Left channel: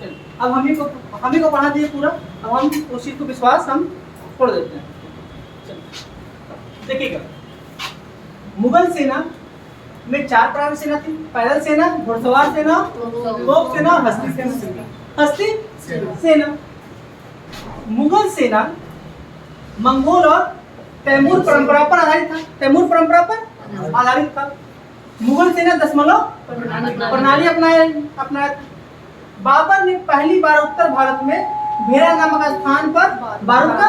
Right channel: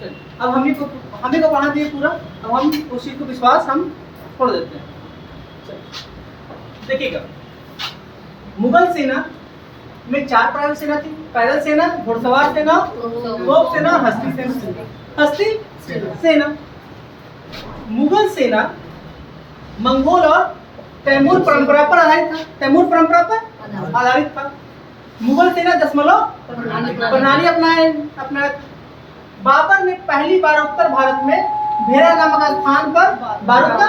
चलिए, अब हम ही को पढ़ा दिए पूरा। अब हम उस चीज को विश्वास हम छोड़ देते हैं। चलिए देखिएगा, मुगल सेना में 4 प्रकार की सेना थी। पैदल सेना, घुड़सवार सेना, तोप सेना और हस्ती सेना। हस्ती सेना। मुगल सेना मंगोल और तैमूर परंपरा पर आधारित था। तैमूर परंपरा पर आधारित था। मुगल सेना दशमलव प्रणाली अपनाया। बाबर ने पहली बार उत्तर भारत में भेरा नामक स्थान पर बारूद का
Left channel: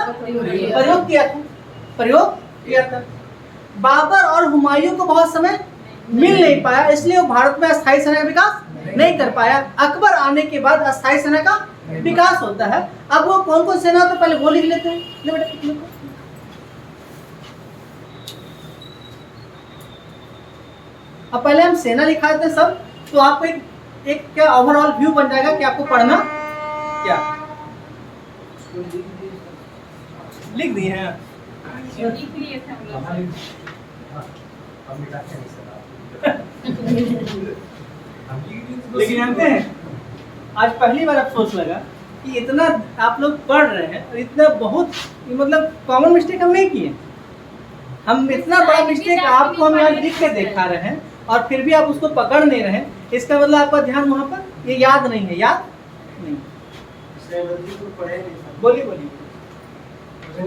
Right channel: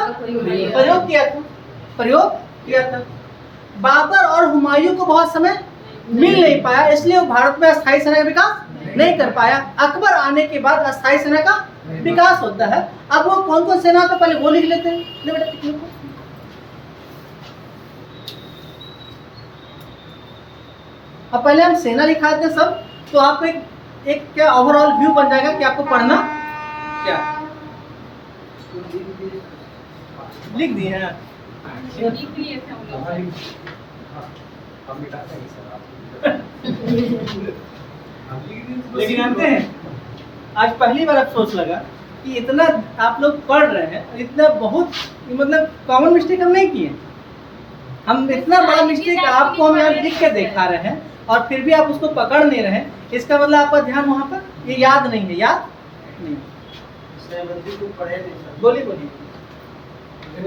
प्रयोग किया था। बाबर और हुमायूं को बहुत समय मिल नहीं पाया, इसलिए वो भारत में अस्थायी सेना का विकास नहीं कर पाया। अकबर आने के बाद अस्थायी सेना का विकास होता है। अब वो कौन कौन सेना होता है पहले वो लिख लेते हैं। ले बेटा लिखो। अब पहले हम सेना लिखा देते हैं सब, तो आपको एक क्या ओवरऑल व्यू बन जाएगा कि आपको पढ़ना क्या है। लिख दिए हैं लेकिन जानते हैं आज पहली बार अफसोस लगा कि इतना आप लोग पढ़ रहे हैं, इतना बहुत मतलब कॉमन मिस्टेक हम नहीं किए। हम इतना बड़ा मिस्टेक आपको हम यहाँ लिख के दिखा रहे हैं और फिर भी आप उसको पकड़ नहीं रहे। इसका मतलब आपका ध्यान वहाँ पर ये याद नहीं है, याद नहीं। बोलिए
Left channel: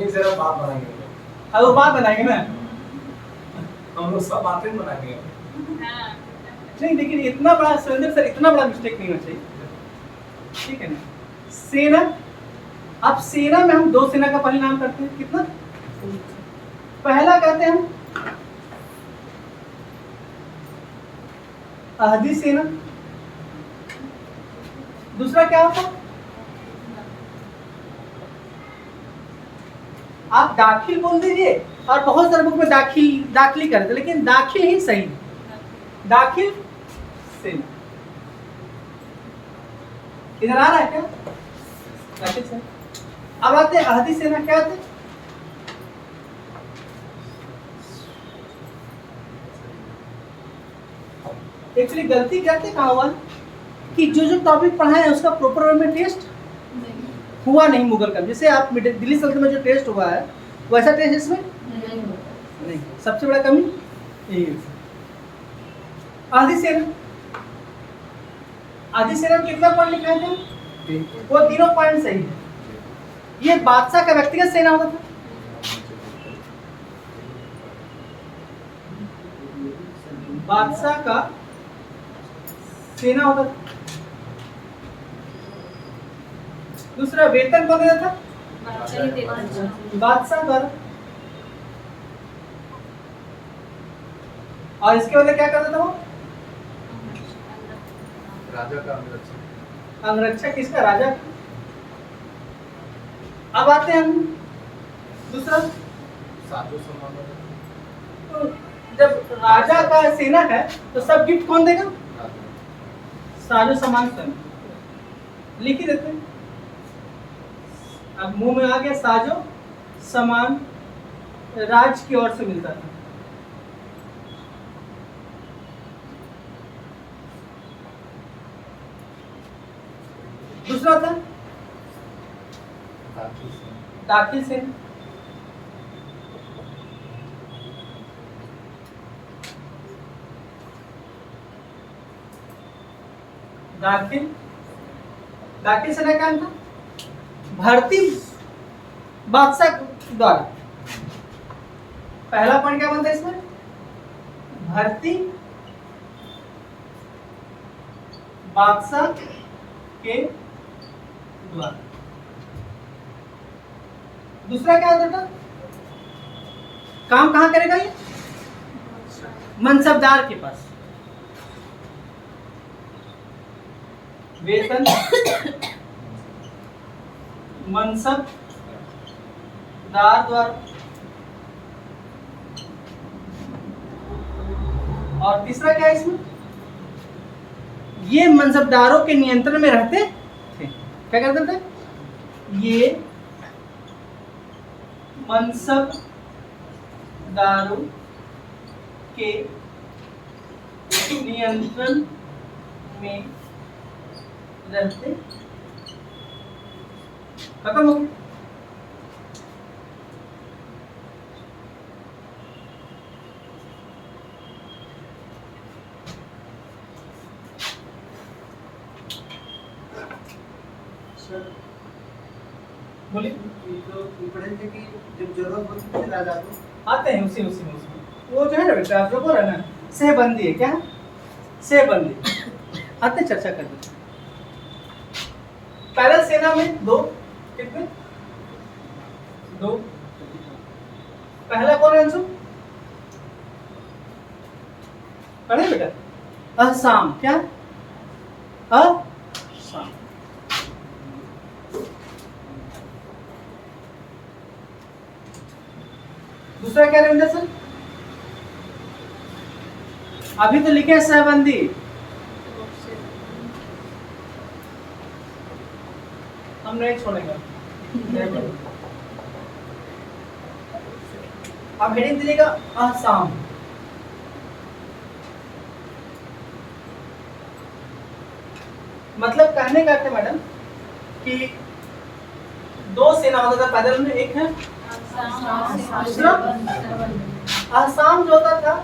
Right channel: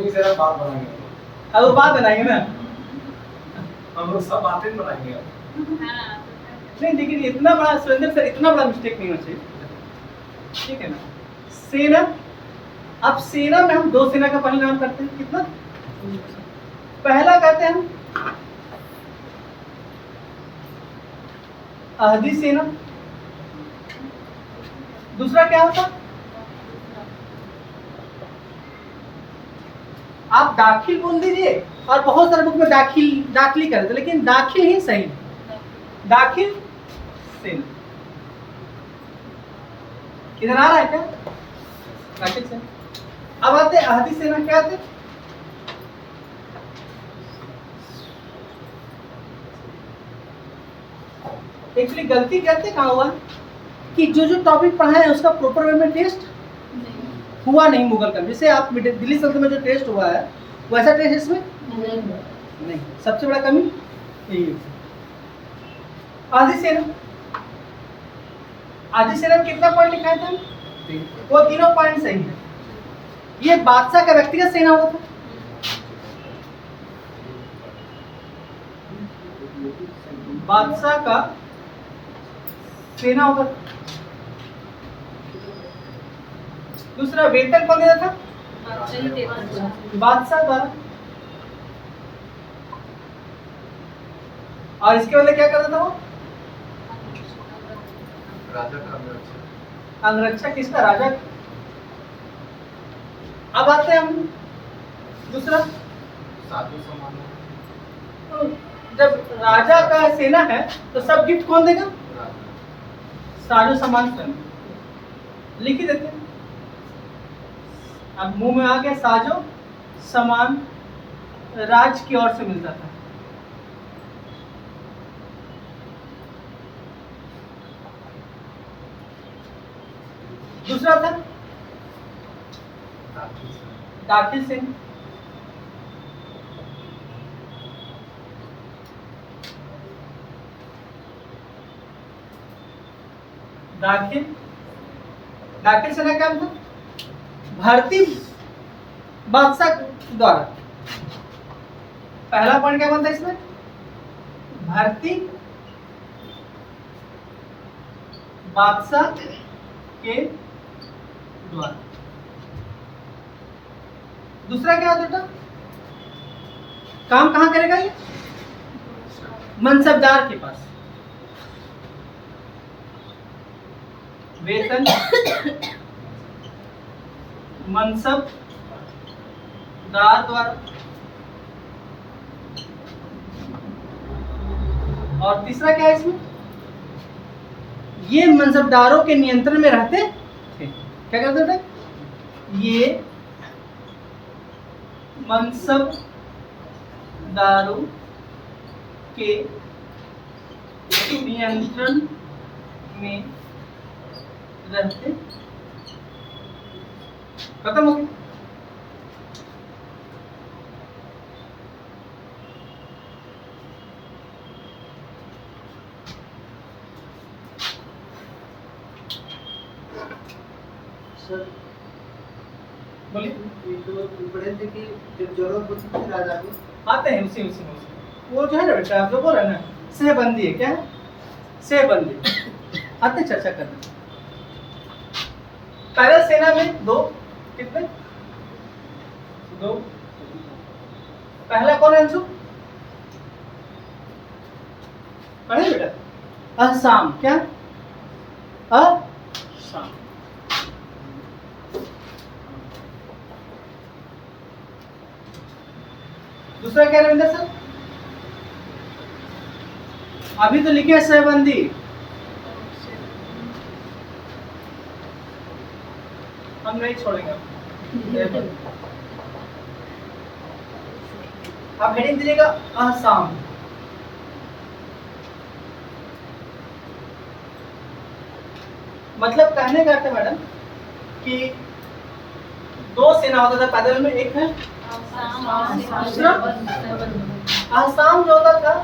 जरा बात बनाएंगे। अब वो बात बनाएंगे ना, हम लोग सब बातें बनाएंगे। नहीं लेकिन इतना बड़ा सुरेंद्र सर, इतना बड़ा मिस्टेक नहीं होना चाहिए, ठीक है ना। सेना, अब सेना में हम 2 सेना का पहले नाम करते हैं। कितना? पहला कहते हैं हम अहदी सेना। दूसरा क्या होता? आप दाखिल बोल दीजिए, और बहुत सारे बुक में दाखिली करते, लेकिन दाखिल ही सही। दाखिल सेना इधर आ रहा है क्या? दाखिल सेना। अब आते हैं अहदी सेना। क्या आते? एक्चुअली गलती करते कहाँ हुआ कि जो टॉपिक पढ़ाए हैं उसका प्रॉपर वे में टेस्ट हुआ नहीं मुगल का। जैसे आप दिल्ली सल्तनत में जो टेस्ट हुआ है वैसा टेस्ट इसमें नहीं। सबसे बड़ा कमी यही है। आधी सेना में कितना पॉइंट लिखा था? वो तीनों पॉइंट सही है। ये बादशाह का व्यक्तिगत सेना होता था। बादशाह का सेना होता था। दूसरा वेतन कौन देता था? बादशाह द्वारा। और इसके बदले क्या करता था वो? राजा का अंगरक्षक। किसका? राजा का। अब आते हैं हम दूसरा, साधु सम्मान। जब राजा का सेना है तो सब गिफ्ट कौन देगा? साजो सामान स्वयं। लिख ही देते हैं। अब मुंह में आ गया साजो सामान राज की ओर से मिलता था। दूसरा था दाखिल सेना। दाखिल सेना क्या था? भर्ती बादशाह द्वारा। पहला पॉइंट क्या बनता है इसमें? भर्ती बादशाह के द्वारा। दूसरा क्या होता था? काम कहां करेगा ये? मनसबदार के पास। वेतन मनसबदार द्वारा। और तीसरा क्या है इसमें? ये मनसबदारों के नियंत्रण में रहते थे। क्या करते थे? ये मनसबदारों के नियंत्रण में रहते खत्म हो गया। सर बोलिए। ये जो पढ़े थे कि जब जरूरत होती है राजा को आते हैं उसी उसी में उसी। वो जो है ना बेटा जो बोल रहा है ना सहबंदी है, क्या है सहबंदी। आते चर्चा करते हैं। पैदल सेना में दो कितने दो। पहला कौन है अंशु? पढ़े बेटा असम, क्या असम। दूसरा क्या रविंद्र सर? अभी तो लिखे हैं सहबंदी। हम नहीं छोड़ेंगे। आप हेडिंग दीजिएगा असम। मतलब कहने का अर्थ है मैडम कि दो सेना होता था पैदल में, एक है दूसरा आसाम जो होता था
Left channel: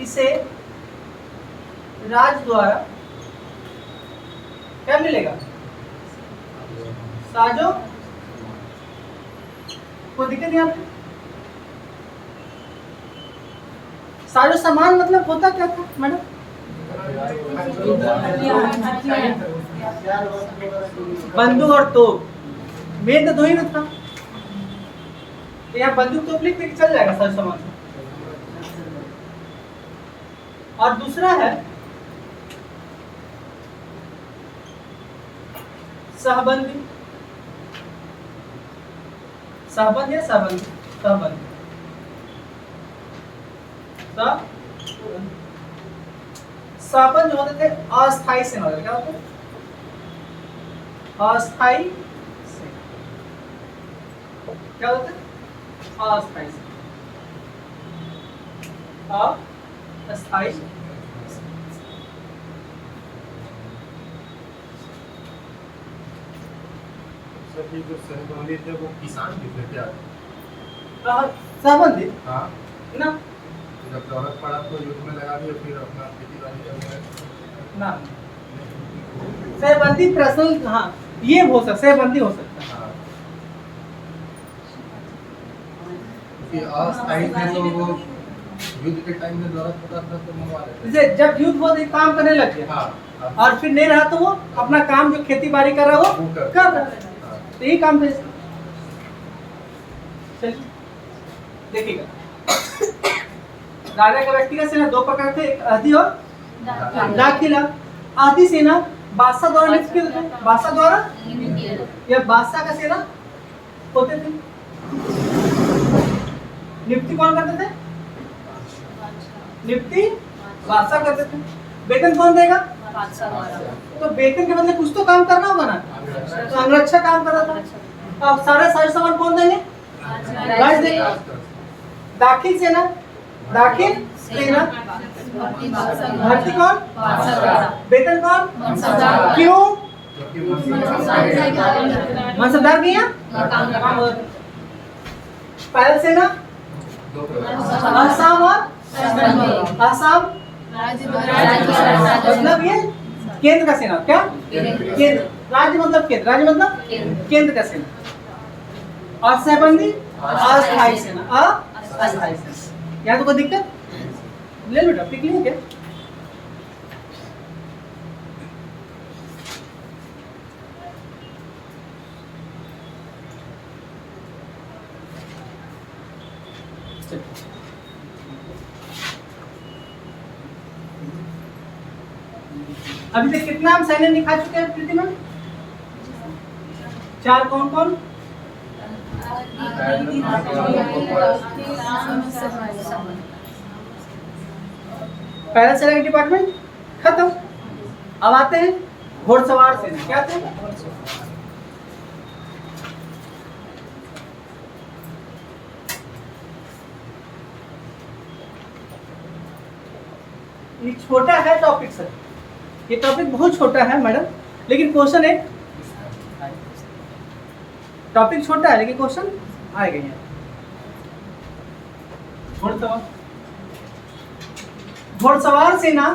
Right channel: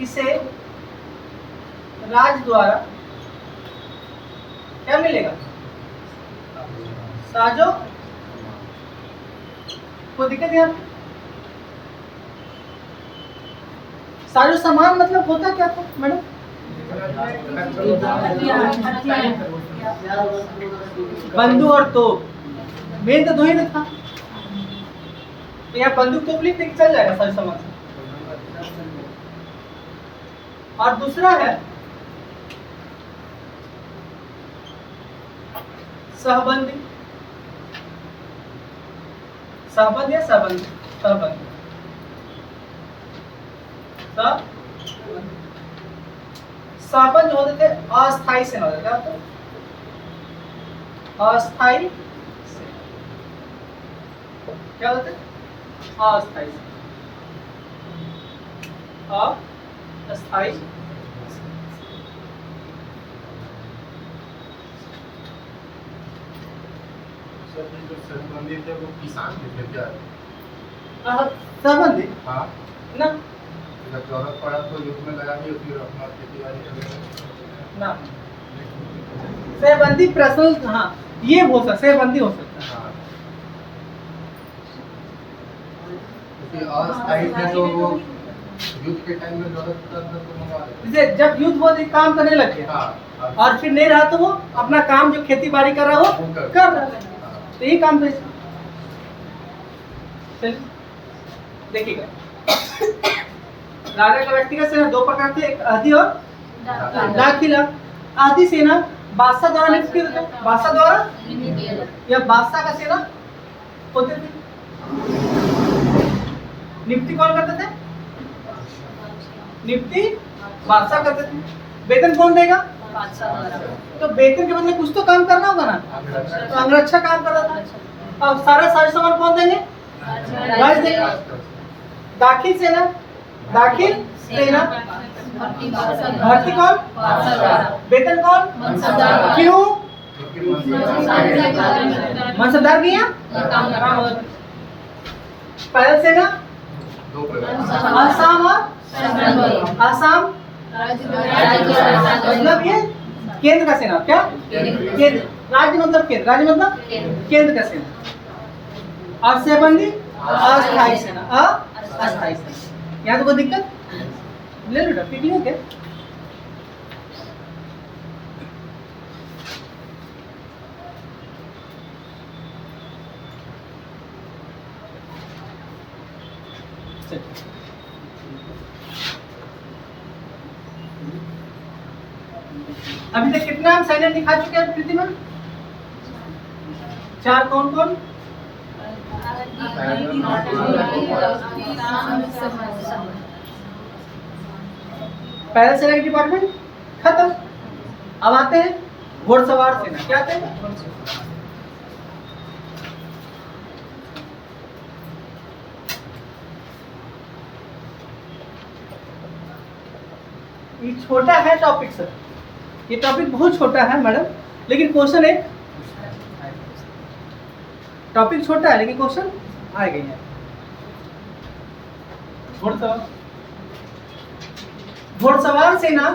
इसे राज द्वारा क्या मिलेगा? साजो। कोई दिक्कत यहाँ पे? साजो सामान मतलब होता क्या था मैडम? बंदूक और तोप। मेन तो दो ही ना था, तो यहाँ बंदूक तोप लिखते कि चल जाएगा साजो सामान से। और दूसरा है सहबंदी। सहबंद या सहबंदी? सहबंदी। सहबंद जो होते थे अस्थाई सेना होते, क्या होते? अस्थाई सेना। क्या होते? अस्थाई सेना। अस्थाई। सर ये जो सहबंदी थे वो किसान भी थे क्या? सहबंदी हाँ, ना जब जरूरत पड़ा तो युद्ध में लगा दिए, फिर अपना खेती बाड़ी करने ना सहबंदी पर्सनल, हाँ ये हो सकता, सहबंदी हो सकता है। हाँ, क्योंकि अस्थायी थे तो वो युद्ध के टाइम में जरूरत पड़ा था तो मंगवा लेते। जैसे जब युद्ध हुआ तो काम करने लग गया, हाँ, और फिर नहीं रहा तो वो अपना काम जो खेती बाड़ी कर रहा है वो कर रहा है। हाँ। तो यही काम था। चलिए देखिएगा, राजा का व्यक्तिगत सेना दो प्रकार थे, एक अहदी और दाखिला। अहदी सेना बादशाह द्वारा नियुक्त किया जाता था, बादशाह द्वारा या बादशाह का सेना होते थे। नियुक्ति कौन करते थे? नियुक्ति बादशाह करते थे। वेतन कौन देगा? तो वेतन के बदले कुछ तो काम करना होगा ना, तो अंगरक्षा काम कर रहा था। अब सारा सारे सामान कौन देंगे? राज देगा। दाखिल सेना, दाखिल सेना भर्ती कौन? वेतन कौन? क्यों? मनसबदार की यहाँ काम होता था। पैदल सेना दो प्रकार। आसाम और आसाम मतलब ये केंद्र का सेना, क्या केंद्र? राज्य मतलब केंद्र, राज्य मतलब केंद्र का सेना। और सहबंदी अस्थायी सेना, अस्थायी सेना। यहाँ तो कोई दिक्कत? ले लो बेटा, लिख लिया क्या? अभी तक कितना हम सैन्य दिखा चुके हैं प्रीति मैम? चार कौन कौन? पहला सेना डिपार्टमेंट खत्म। अब आते हैं घोड़सवार सेना। क्या आते हैं? ये छोटा है टॉपिक सर, ये टॉपिक बहुत छोटा है मैडम, लेकिन क्वेश्चन एक टॉपिक छोटा है लेकिन क्वेश्चन आएगा यहाँ। घुड़सवार सेना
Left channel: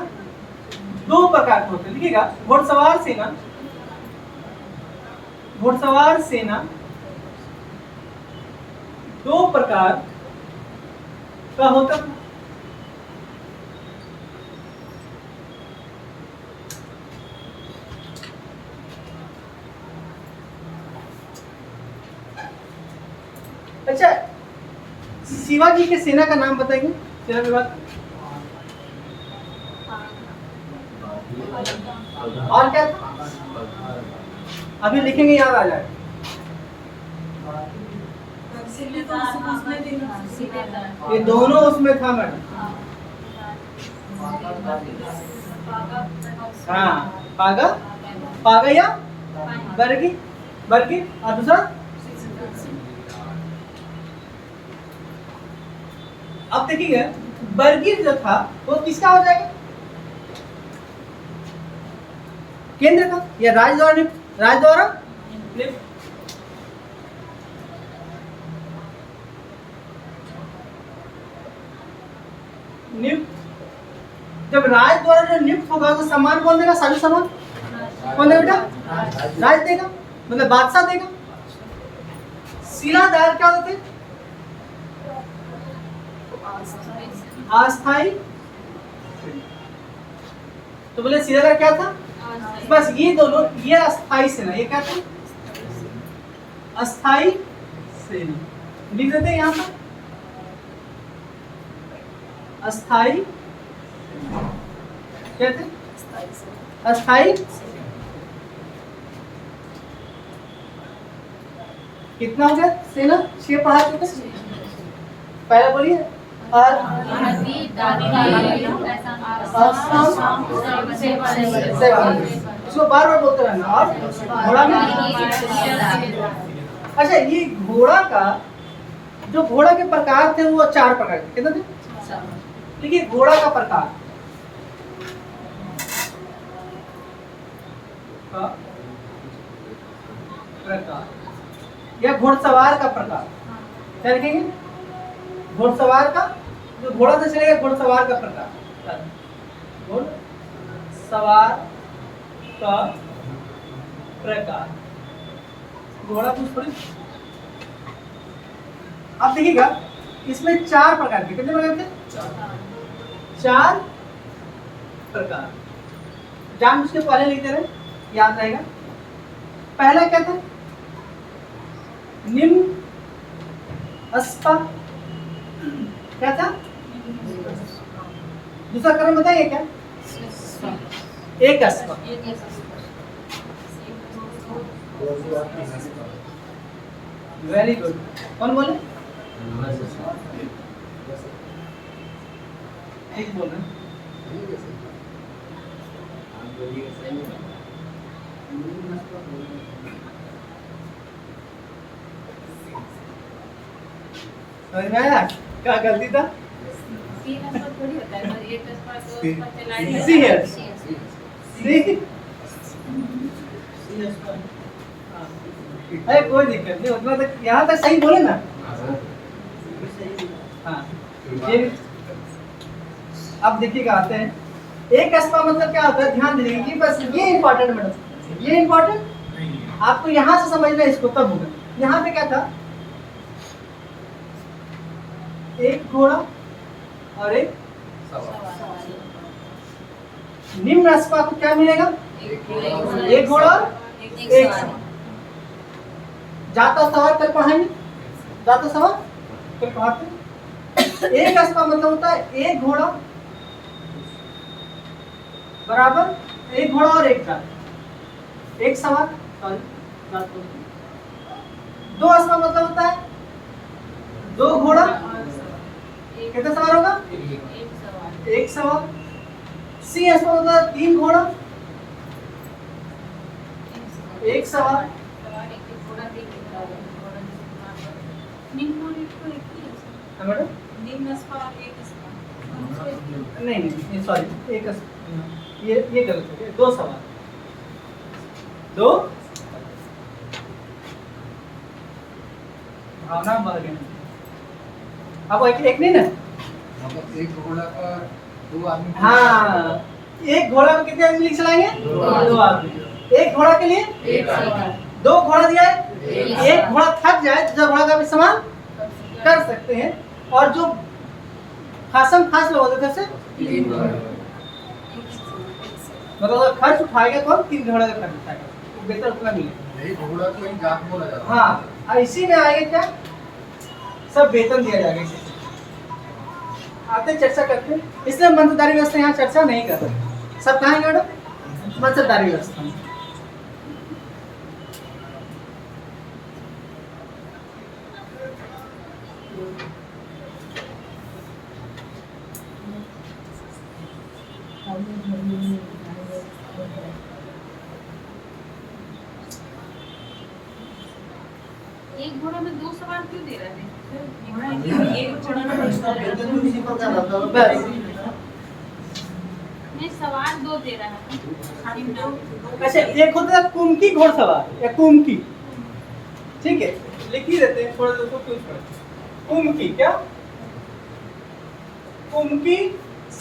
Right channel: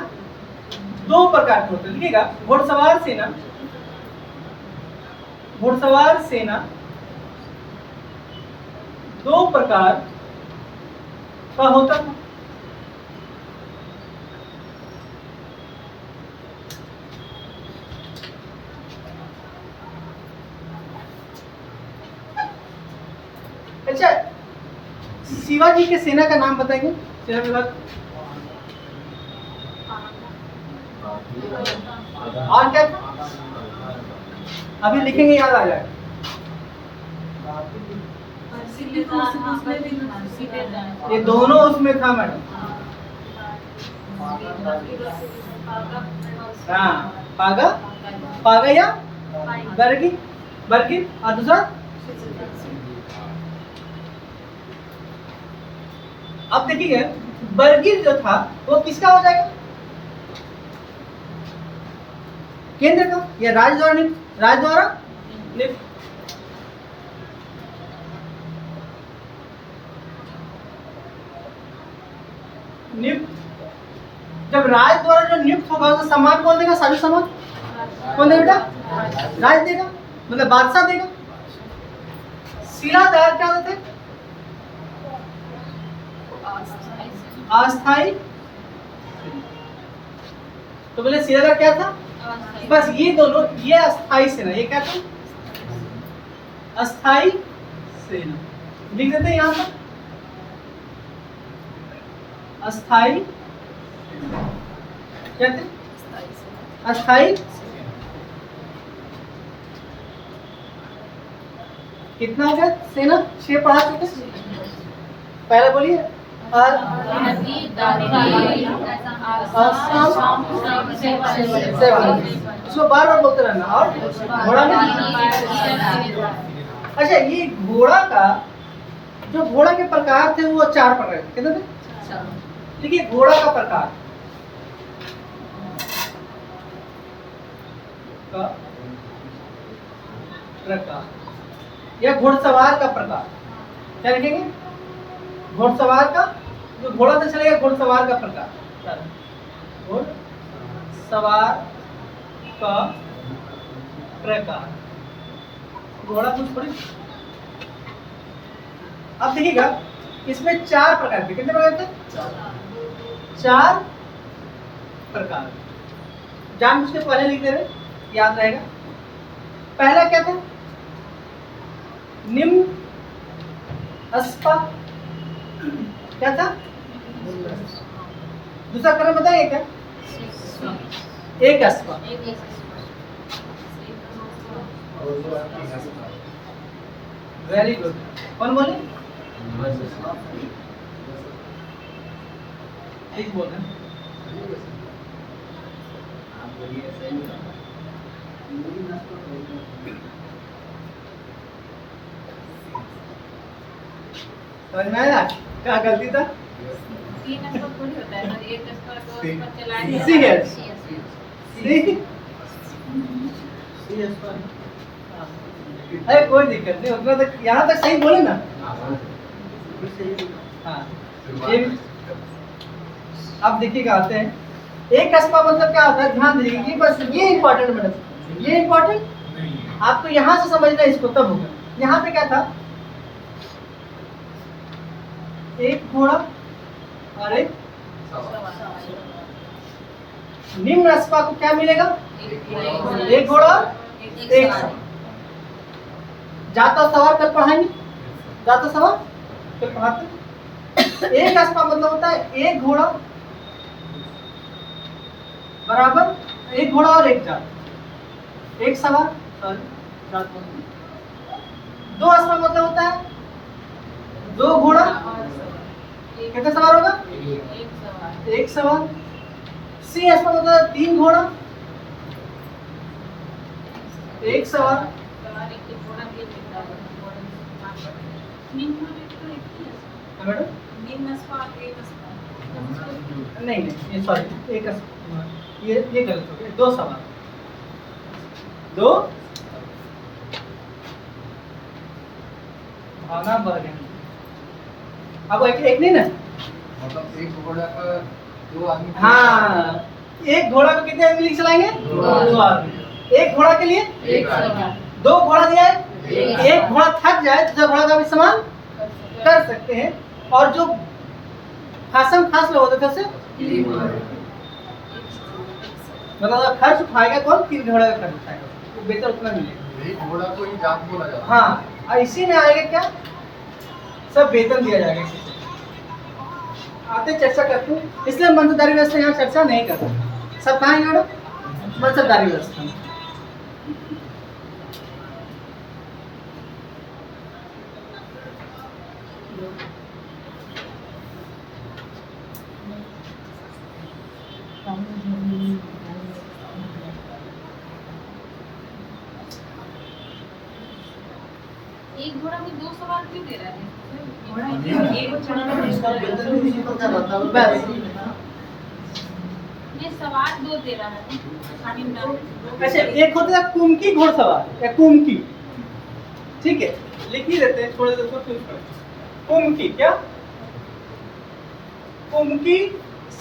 दो प्रकार की होती है, लिखिएगा। घुड़सवार सेना दो प्रकार का होता था। अच्छा, शिवाजी के सेना का नाम बताएंगे? सेना विभाग और क्या था? अभी लिखेंगे, याद आ जाए। ये दोनों उसमें था मैडम। हाँ, पागा पागा या बर्गी बर्गी और दूसरा अब देखिए बर्गिर जो था वो किसका हो जाएगा? केंद्र का या राज्य द्वारा नियुक्त? राज्य द्वारा नियुक्त। जब राज्य द्वारा जो नियुक्त होगा तो सम्मान कौन देगा? साजो सम्मान कौन देगा? राज्य देगा, मतलब बादशाह देगा। शिलाधार क्या होते थे? अस्थाई। तो बोले शिलाधार क्या था? बस ये दोनों, ये अस्थाई सेना, ये क्या था? अस्थाई सेना। लिख देते हैं यहां पर अस्थाई क्या थे? अस्थाई। कितना हो गया सेना? 6 पढ़ा चुके। पहला बोलिए। इसको बार बार बोलते रहना। और घोड़ा में, अच्छा ये घोड़ा का जो घोड़ा के प्रकार थे वो 4 प्रकार के। कितने थे? देखिए घोड़ा का प्रकार या घुड़सवार का प्रकार क्या लिखेंगे? घुड़सवार का, जो घोड़ा से चलेगा, घुड़सवार का प्रकार। घुड़सवार का प्रकार, घोड़ा कुछ थोड़ी। अब देखिएगा इसमें 4 प्रकार के। कितने प्रकार थे? 4 प्रकार। जान उसके पहले लिख दे रहे, याद रहेगा। पहला क्या था? निम्न अस्पा। क्या था? दूसरा क्रम बताइए क्या? एक अस्पा। Very good. कौन बोले? ठीक बोल रहे हैं। समझ में आया क्या गलती था? थोड़ी होता है, तो एक तो चलाएंगे। सी है। अरे कोई दिक्कत नहीं, उतना तक यहाँ तक सही बोले ना। हाँ ये अब देखिएगा आते हैं। एक अस्पा मतलब क्या होता है? ध्यान दीजिएगा, ये बस ये इंपॉर्टेंट मैडम, ये इंपॉर्टेंट आपको यहाँ से समझना है, इसको तब होगा। यहाँ पे क्या था? एक घोड़ा और एक निम्न अस्पा को क्या मिलेगा? एक घोड़ा एक सवार। जाता सवार कल पढ़ाएंगे, जाता सवार कल पढ़ाते। एक अस्पा मतलब होता है एक घोड़ा बराबर एक घोड़ा और एक जात, एक सवार। दो अस्पा मतलब होता है 2 घोड़ा। कितने सवार होगा? एक सवार। सी अस्पा मतलब है 3 घोड़ा एक सवार। मैडम नहीं नहीं सॉरी, एक ये गलत हो गया। 2 सवार, 2 भावना बढ़ गई। अब एक नहीं ना, मतलब एक घोड़ा पर 2 आदमी। हाँ, एक घोड़ा को कितने आदमी चलाएंगे? 2 आदमी। एक घोड़ा के लिए 1 सेकंड 2 घोड़ा दिया है। एक घोड़ा थक जाए तो 2 घोड़ा का भी इस्तेमाल कर सकते हैं। और जो खासम खास लोग होते थे उसे मतलब अगर खर्च उठाएगा कौन? 3 घोड़ा का खर्च उठाएगा, तो बेहतर उतना मिलेगा। यही घोड़ा को ही जात बोला जाता है। हाँ, और इसी में आएगा क्या, सब वेतन दिया जाएगा इसी से। आते चर्चा करते हैं, इसलिए मनसबदारी व्यवस्था यहाँ चर्चा नहीं कर रहे। सब कहाँ है मैडम? मनसबदारी व्यवस्था में। एक घोड़ा में 2 सवार क्यों दे रहा है? इसका वेतन भी उसी प्रकार रहता है। बस। नहीं, सवार 2 दे रहा है खाली नाम। अच्छा, एक होता है कुमकी घोड़सवार या कुमकी, ठीक है, लिख ही देते हैं, छोड़ दो क्यों छोड़। कुमकी क्या? कुमकी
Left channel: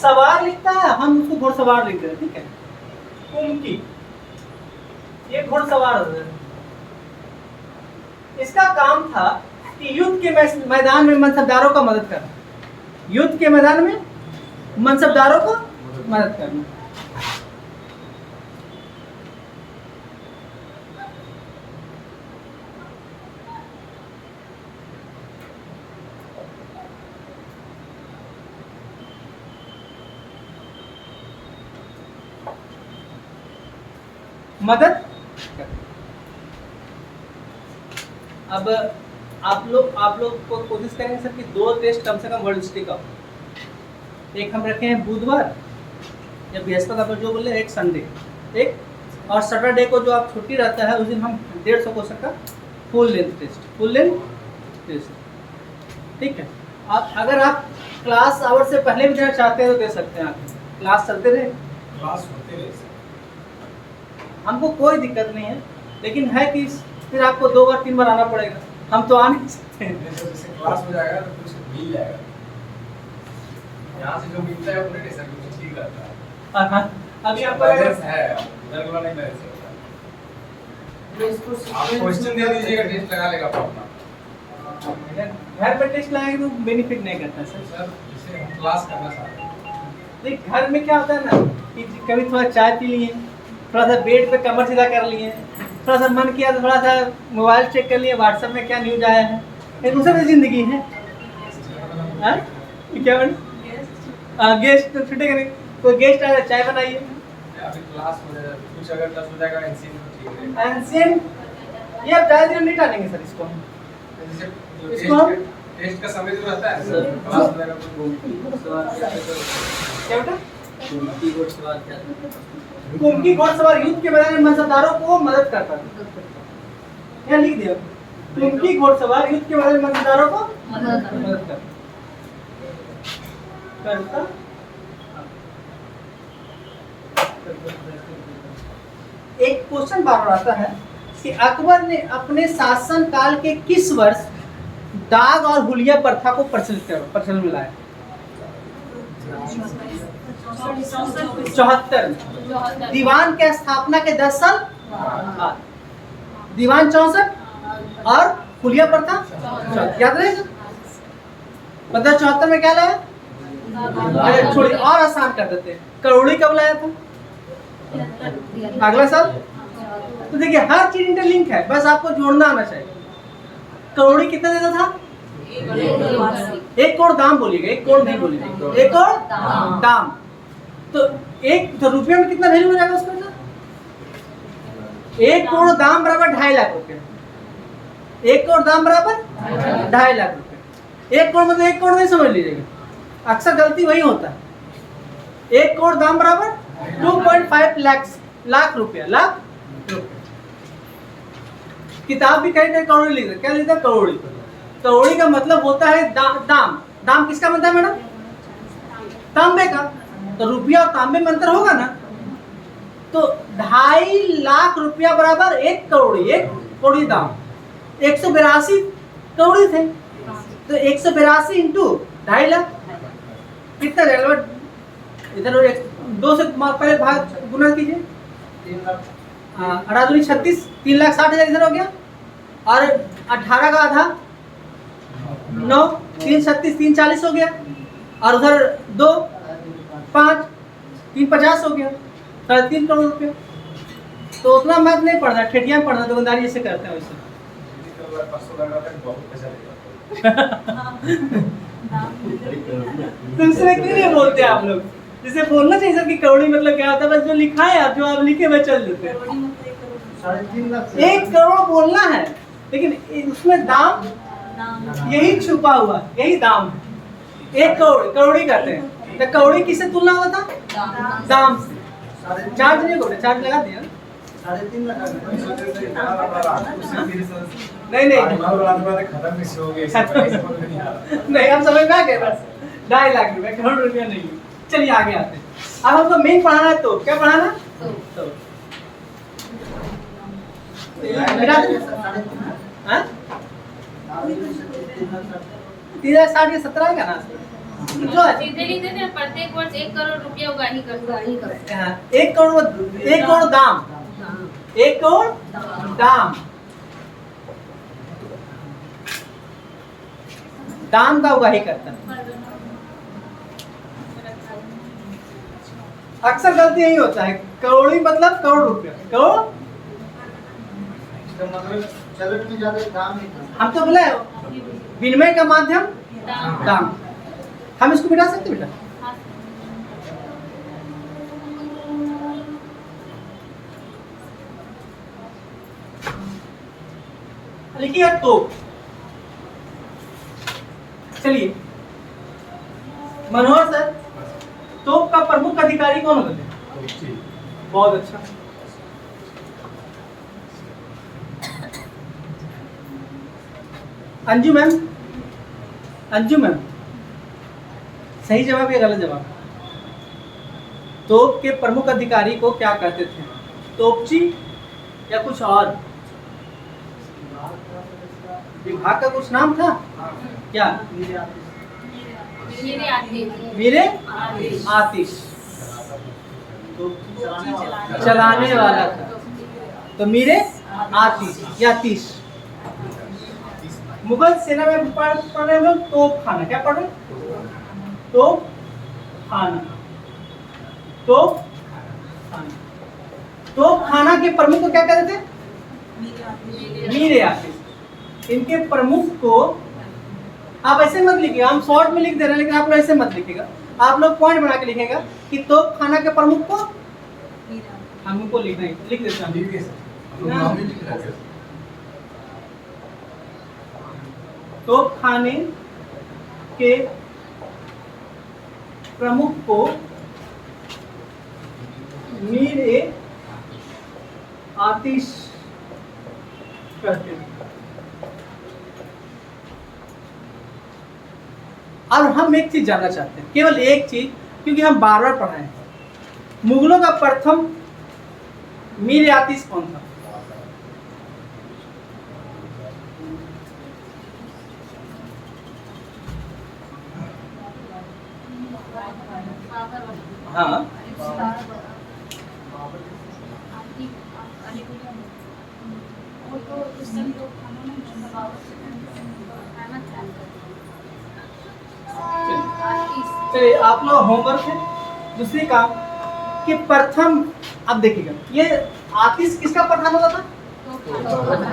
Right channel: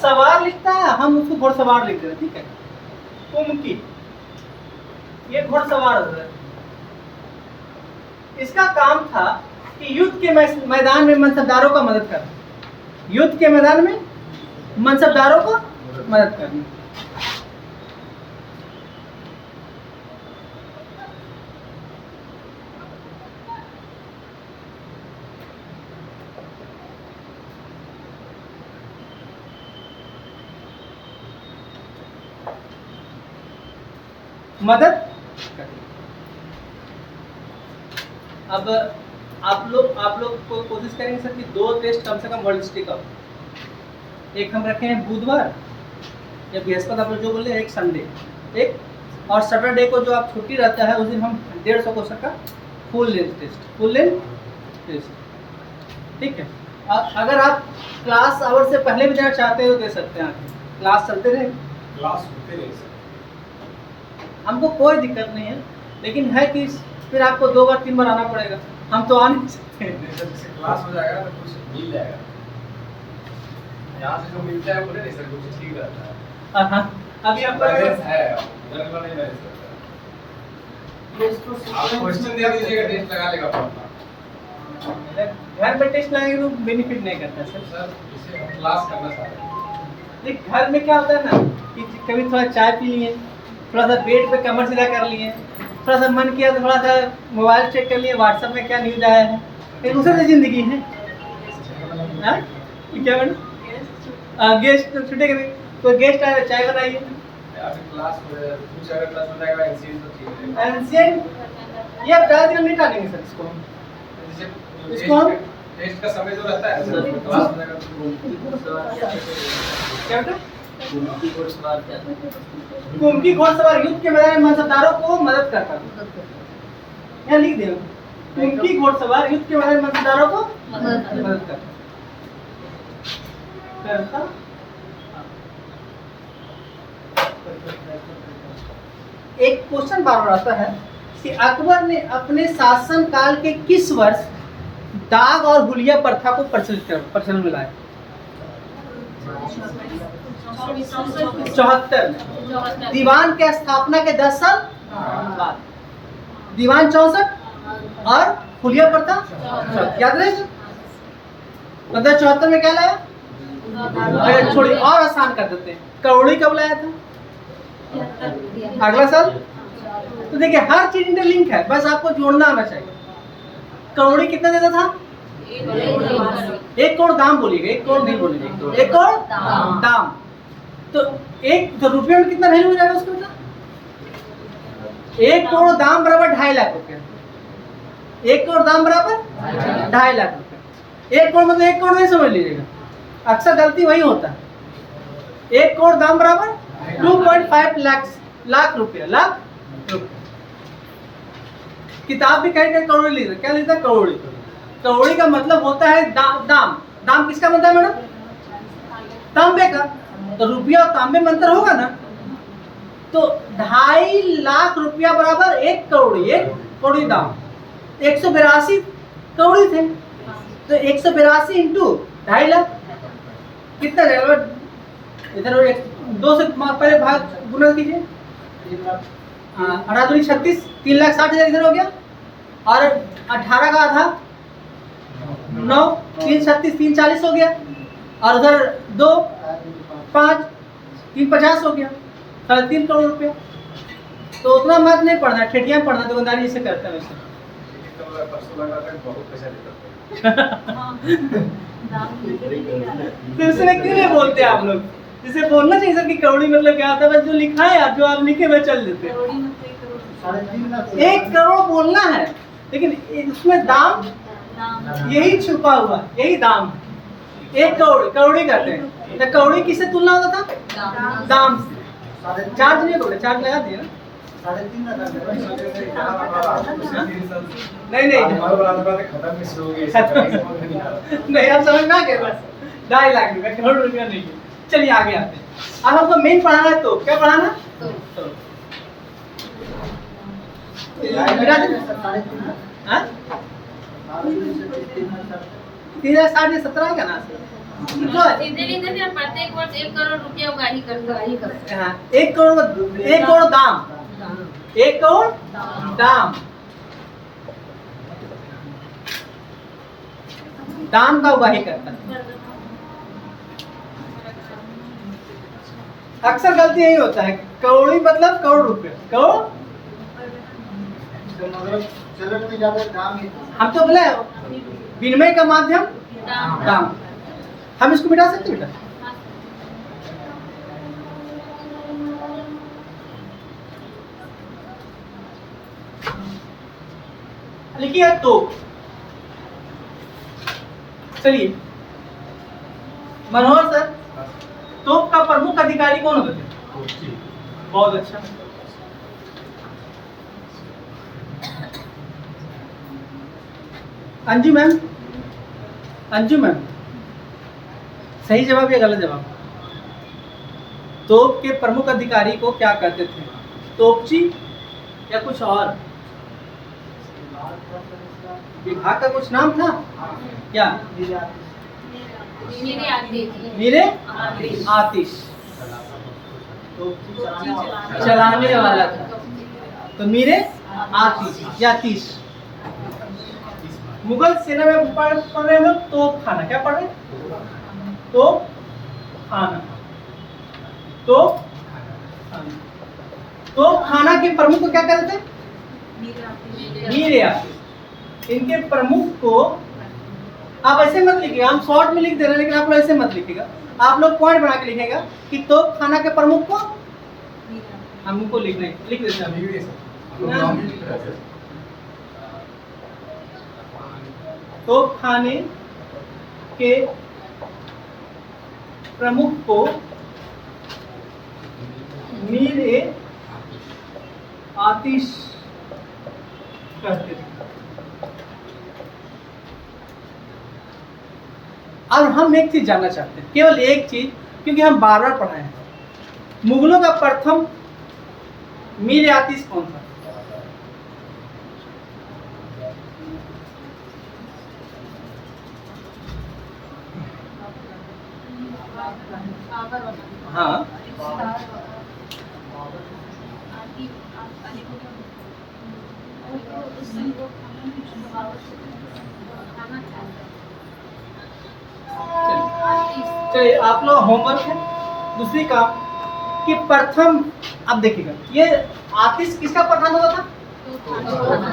सवार लिखता है, हम उसको घोड़सवार लिख देते हैं, ठीक है। कुमकी ये घोड़सवार होता है। इसका काम था कि युद्ध के मैदान में मनसबदारों का मदद करना। युद्ध के मैदान में मनसबदारों को मदद करना। मदद करना। अब आप लोग को कोशिश करेंगे सर कि 2 टेस्ट कम से कम वर्ल्ड हिस्ट्री का हो। एक हम रखे हैं बुधवार या बृहस्पति, आप जो बोले, एक संडे, एक और सैटरडे को जो आप छुट्टी रहता है उस दिन हम 150 क्वेश्चन का फुल लेंथ टेस्ट, ठीक है। अगर आप क्लास आवर से पहले भी देना चाहते हो तो दे सकते हैं। आप क्लास चलते रहे, क्लास होते रहे सर। हमको कोई दिक्कत नहीं है, लेकिन है कि फिर आपको 2 बार 3 बार आना पड़ेगा, हम तो आ नहीं सकते हैं। नहीं सर, जैसे क्लास हो जाएगा तो कुछ मिल जाएगा। यहाँ से जो मिलता है वो नहीं सर, कुछ ठीक रहता है। हाँ, अभी आपका बैलेंस है, इधर वाला नहीं बैलेंस रहता। आप क्वेश्चन दे दीजिएगा, टेस्ट लगा लेगा अपना। घर में टेस्ट लगाएंगे तो बेनिफिट नहीं करता सर। सर इसे हम क्लास करना चाहते हैं। देख, घर में क्या होता है ना कि कभी थोड़ा चाय पी लिए, थोड़ा सा बेड पे कमर सीधा कर लिए, थोड़ा सा मन किया तो थोड़ा सा मोबाइल चेक कर लिए, व्हाट्सएप में क्या न्यूज आया है, एक दूसरे जिंदगी है। हाँ? क्या बन गेस्ट छुटेगा नहीं, कोई गेस्ट आया चाय बनाइए। अभी क्लास हो जाएगा, कुछ अगर क्लास हो जाएगा एनसीएन तो ठीक है। एंशिएंट ये अब ज़्यादा दिन नहीं टालेंगे सर इसको हम। जैसे इसको हम टेस्ट का समय जो रहता है सर, क्लास हो जाएगा तो क्या बेटा? कुमकी घोड़सवार युद्ध के मैदान में मनसबदारों को मदद करता था। यहाँ लिख दिया, कुमकी घोड़सवार युद्ध के मैदान में मनसबदारों को मदद करता। एक क्वेश्चन बार बार आता है कि अकबर ने अपने शासन काल के किस वर्ष दाग और हुलिया प्रथा को प्रचलन में लाया? 74 में। दीवान के स्थापना के 10 साल बाद। दीवान 64 और हुलिया प्रथा 64। याद रहे? मतलब 74 में क्या लाया? अरे छोड़िए, और आसान कर देते हैं, करोड़ी कब लाया था? अगला साल। तो देखिए हर चीज इंटरलिंक है, बस आपको जोड़ना आना चाहिए। करोड़ी कितना देता था? 1 करोड़ दाम बोलिएगा, 1 करोड़ नहीं बोलिएगा, 1 करोड़ दाम। तो 1 रुपये में कितना वैल्यू हो जाएगा उसका? 1 करोड़ दाम बराबर 2.5 लाख रुपया। 1 करोड़ दाम बराबर 2.5 लाख रुपया। 1 करोड़ मतलब 1 करोड़ नहीं समझ लीजिएगा, अक्सर गलती वही होता है। 1 करोड़ दाम बराबर 2.5 लाख रुपया। किताब भी कहीं कहीं करोड़ी लिखा, क्या लिखा? करोड़ी। करोड़ी का मतलब होता है दाम। दाम किसका बनता है मैडम? तांबे का। तो रुपया और तांबे में अंतर होगा ना, तो 2.5 लाख रुपया बराबर 1 करोड़ी। 1 करोड़ी दाम 182 कौड़ी थे। तो 182 इंटू 2.5 लाख कितना जाएगा? इधर 2 से पहले भाग गुना कीजिए। 3 लाख। हाँ, 18 दूनी 36, 3,60,000 इधर हो गया। और 18 का आधा 9, 3 36, 3 40 हो गया। और उधर 2 5, 3 50 हो गया, 3.5 करोड़ रुपया। तो उतना मत नहीं पढ़ना, ठेठियाँ पढ़ना, दुकानदारी इसे करते हैं वैसे। परसों लग रहा था बहुत पैसा लेता तो इसमें क्यों नहीं बोलते आप लोग? जिसे बोलना चाहिए सर कि करोड़ी मतलब क्या होता है, बस जो लिखा है आप जो आप लिखे हुए चल देते हैं। 3.5 लाख। 1 करोड़ बोलना है, लेकिन उसमें दाम यही छुपा हुआ, यही दाम। 1 करोड़ करोड़ी कहते हैं। तो करोड़ी किससे तुलना होता था? दाम से। चार्ज नहीं बोले, चार्ज लगा दिया। 3.5 लाख। नहीं खत्म कैसे हो गए? नहीं, आप समझ में आ गए बस। 2.5 लाख रुपया, करोड़ रुपया नहीं। चलिए आगे आते हैं। अब हमको मेन पढ़ाना है। तो क्या पढ़ाना? तो मिला दे। हाँ? 3,60 ये 17 का ना जो है। सीधे लिखते थे प्रत्येक वर्ष 1 करोड़ रुपये उगाही करते हैं। हाँ, 1 करोड़ दाम, 1 करोड़ दाम, दाम का उगाही करता है। अक्सर गलती यही होता है, करोड़ी मतलब करोड़ रुपया, करोड़। इसका मतलब चलन में ज्यादा दाम ही था। हम तो बोले विनिमय का माध्यम दाम। दाम। हम इसको मिटा सकते बेटा? लिखिए तो। चलिए मनोहर सर, तोप का प्रमुख अधिकारी कौन होते थे? बहुत अच्छा। अंजू मैम, अंजू मैम, सही जवाब या गलत जवाब? तोप के प्रमुख अधिकारी को क्या कहते थे? तोपची या कुछ और? विभाग का कुछ नाम था क्या? मेरे आते मेरे आतिश, चलाने वाला था। तो मेरे आतिश या तीस। मुगल सेना में पढ़ रहे हम लोग तोप खाना। क्या पढ़ रहे? तोप खाना, तोप खाना। तोप खाना के प्रमुख को क्या कहते थे? मीर आतिश। इनके प्रमुख को आप ऐसे मत लिखिएगा, हम शॉर्ट में लिख दे रहे हैं, लेकिन आप लोग ऐसे मत लिखिएगा। आप लोग पॉइंट बना के लिखेगा कि तोप खाना के प्रमुख को हमको लिखना है, लिख देते हैं। तोप खाने के प्रमुख को मीर ए आतिश कहते थे। अब हम एक चीज जानना चाहते हैं, केवल एक चीज, क्योंकि हम बार बार पढ़ाए हैं। मुगलों का प्रथम मीर ए आतिश कौन था? हाँ, चलिए आप लोग होमवर्क है। दूसरी काम कि प्रथम, अब देखिएगा ये आतिश किसका प्रधान होता था?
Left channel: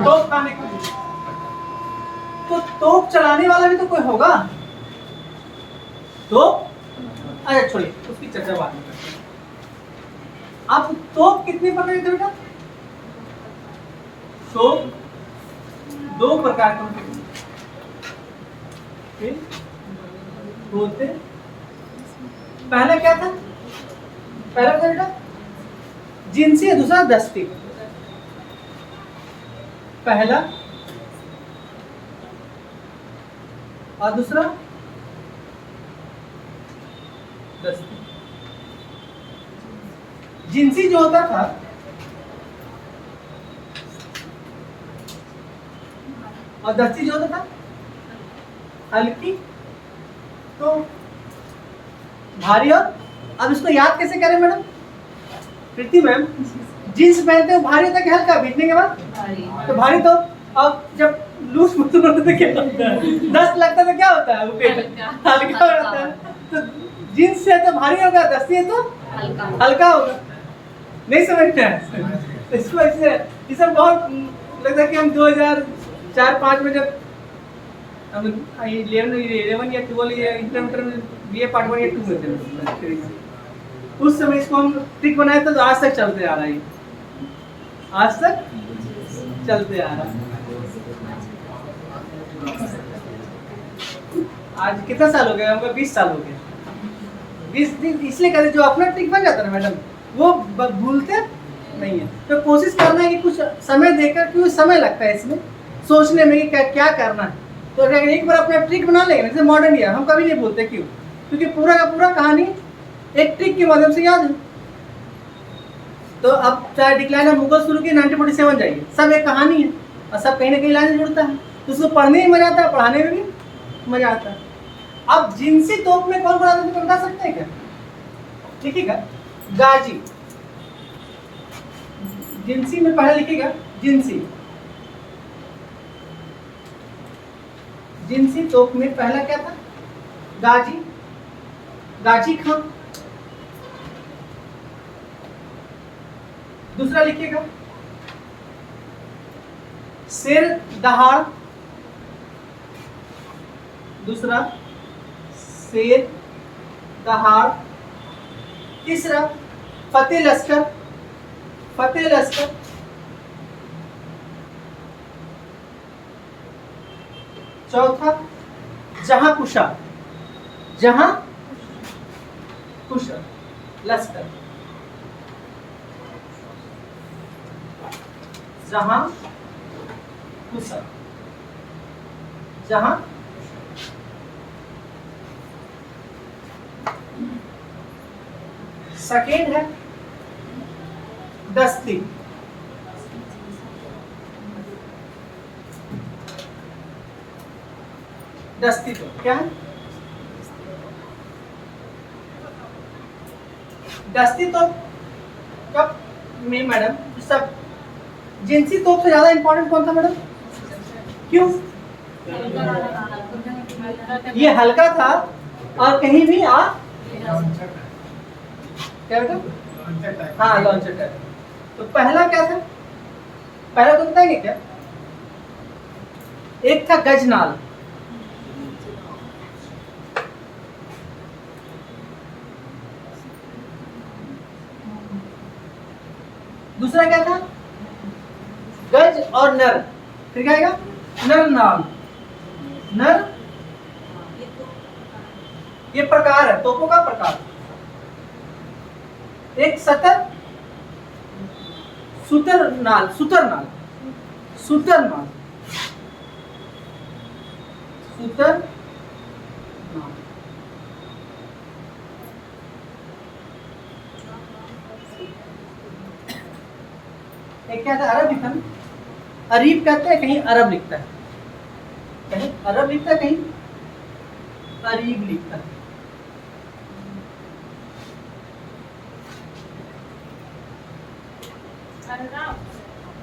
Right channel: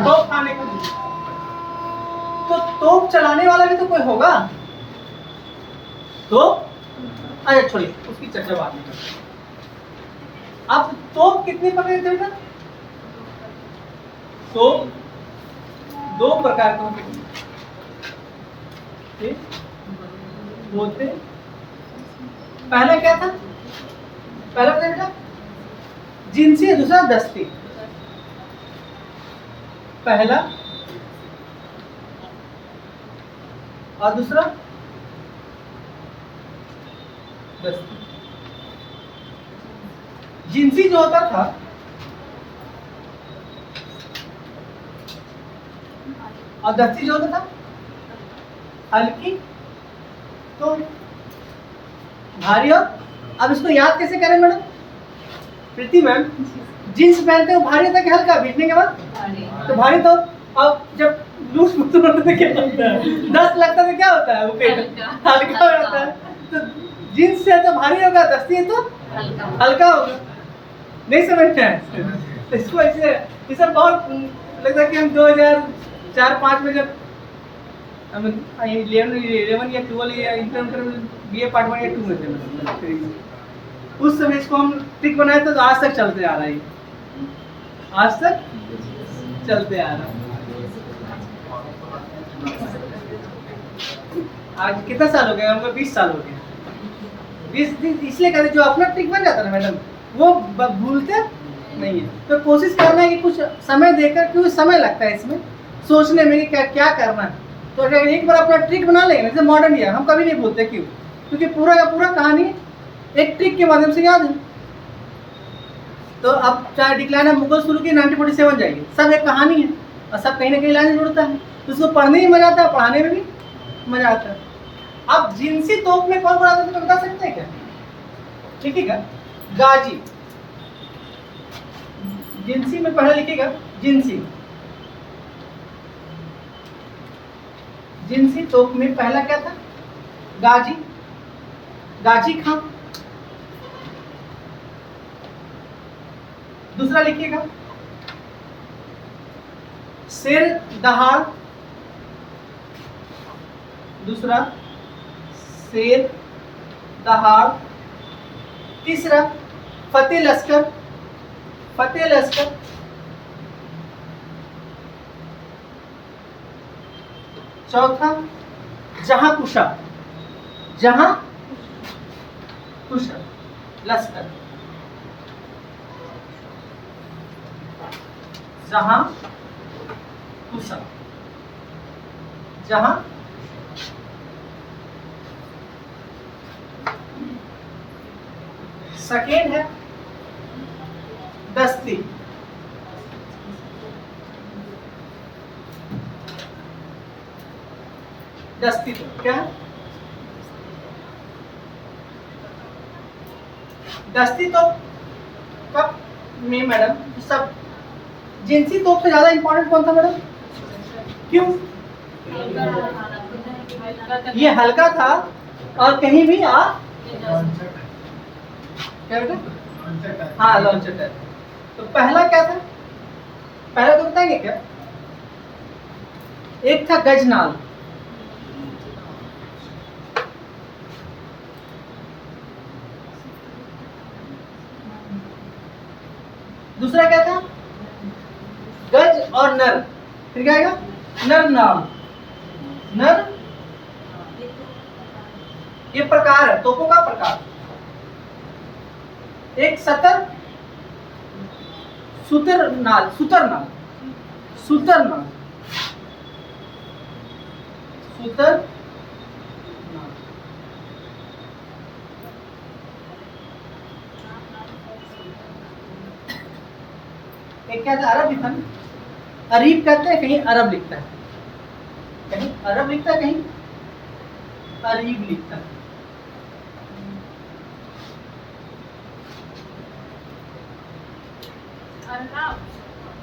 तोप खाने का। तो तोप चलाने वाला भी तो कोई होगा। तो अच्छा छोड़िए, उसकी चर्चा बाद में करते हैं। आप तोप कितनी प्रकार के बेटा? तोप 2 प्रकार के होते। पहला क्या था? पहला बेटा जिनसी, दूसरा दस्ती। पहला और दूसरा दस्ती। जिनसी जो होता था और दस्ती जो होता था हल्की तो भारी। और अब इसको याद कैसे करें मैडम? प्रीति मैम, जींस पहनते हो भारी होता है कि हल्का भीगने के बाद? तो भारी। तो अब जब लूज मोशन होता है क्या होता है? दस्त लगता है तो क्या होता है? वो पेट हल्का हो जाता है। तो जींस से तो भारी होगा, दस्ती है तो हल्का होगा। नहीं समझते हैं इसको? ऐसे ये सब बहुत लगता है कि हम 2004-05 में जब हम 11 या 12 या इंटर BA पार्ट 1 या 2 में थे, उस समय इसको हम ट्रिक बनाए थे, तो आज तक चलते आ रहा है। आज तक चलते आ रहा है। आज कितना साल हो गया हमको? 20 साल हो गए। 20 दिन इसलिए कहते जो अपना ट्रिक बन जाता है ना मैडम, वो भूलते नहीं है। तो कोशिश करना है कि कुछ समय देकर, क्योंकि समय लगता है इसमें सोचने में कि क्या करना है। तो अगर एक बार अपना ट्रिक बना लेंगे, जैसे मॉडर्न ईयर हम कभी नहीं भूलते। क्यों? क्योंकि पूरा का पूरा कहानी एक ट्रिक के माध्यम से याद है। तो अब चाहे डिक्लाइन ऑफ मुगल शुरू की 1947 जाइए, सब एक कहानी है और सब कहीं ना कहीं लाइन जुड़ता है। तो उसको पढ़ने में मजा आता है, पढ़ाने में भी मजा आता है। अब जिनसी तोप में कौन आता है तो बता सकते हैं क्या? ठीक है, गाजी। जिनसी में पहले लिखेगा जिनसी। जिनसी तोप में पहला क्या था? गाजी, गाजी खां। दूसरा लिखिएगा शेर दहाड़। दूसरा शेर दहाड़। तीसरा फतेह लश्कर। फतेह लश्कर। चौथा जहां कुशा। जहां कुशा लश्कर। जहां कुशा। जहां सेकेंड है दस्ती। दस्ती तो क्या है? दस्ती तो कब में मैडम सब जिनसी तोप से ज्यादा इंपॉर्टेंट कौन था मैडम? क्यों? ये हल्का था और कहीं भी आ क्या बेटा? हाँ, लॉन्चर टाइप। तो पहला क्या था? पहला तो बताएंगे क्या? एक था गजनाल। दूसरा क्या था? गज और नर। फिर क्या आएगा? नर नाल। नर ये प्रकार है, तोपों का प्रकार। एक सतर, सुतर नाल। सुतर नाल। सुतर नाल। सुतर नाल। एक क्या था? अरब लिखा। अरीब कहते हैं, कहीं अरब लिखता है, कहीं अरब लिखता है, कहीं अरीब लिखता है।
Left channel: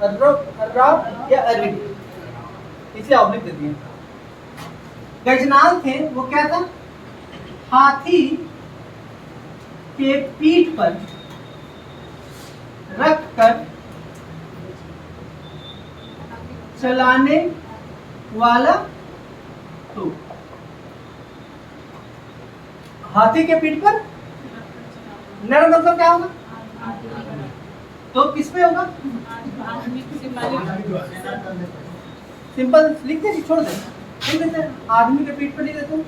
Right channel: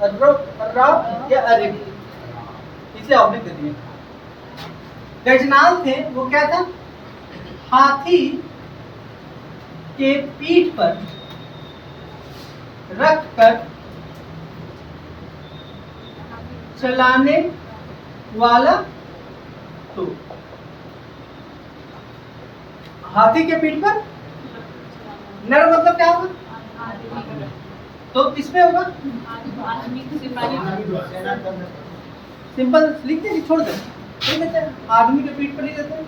अर्राब या अरीब, इसलिए ऑब्लिक दे दिए। गजनाल थे, वो क्या था? हाथी के पीठ पर रख कर चलाने वाला तो। हाथी के पीठ पर नर मतलब क्या होगा? तो किस पे होगा? सिंपल लिख दे, छोड़ दे, लिख देते हैं आदमी के पीठ पर लिख देते हैं।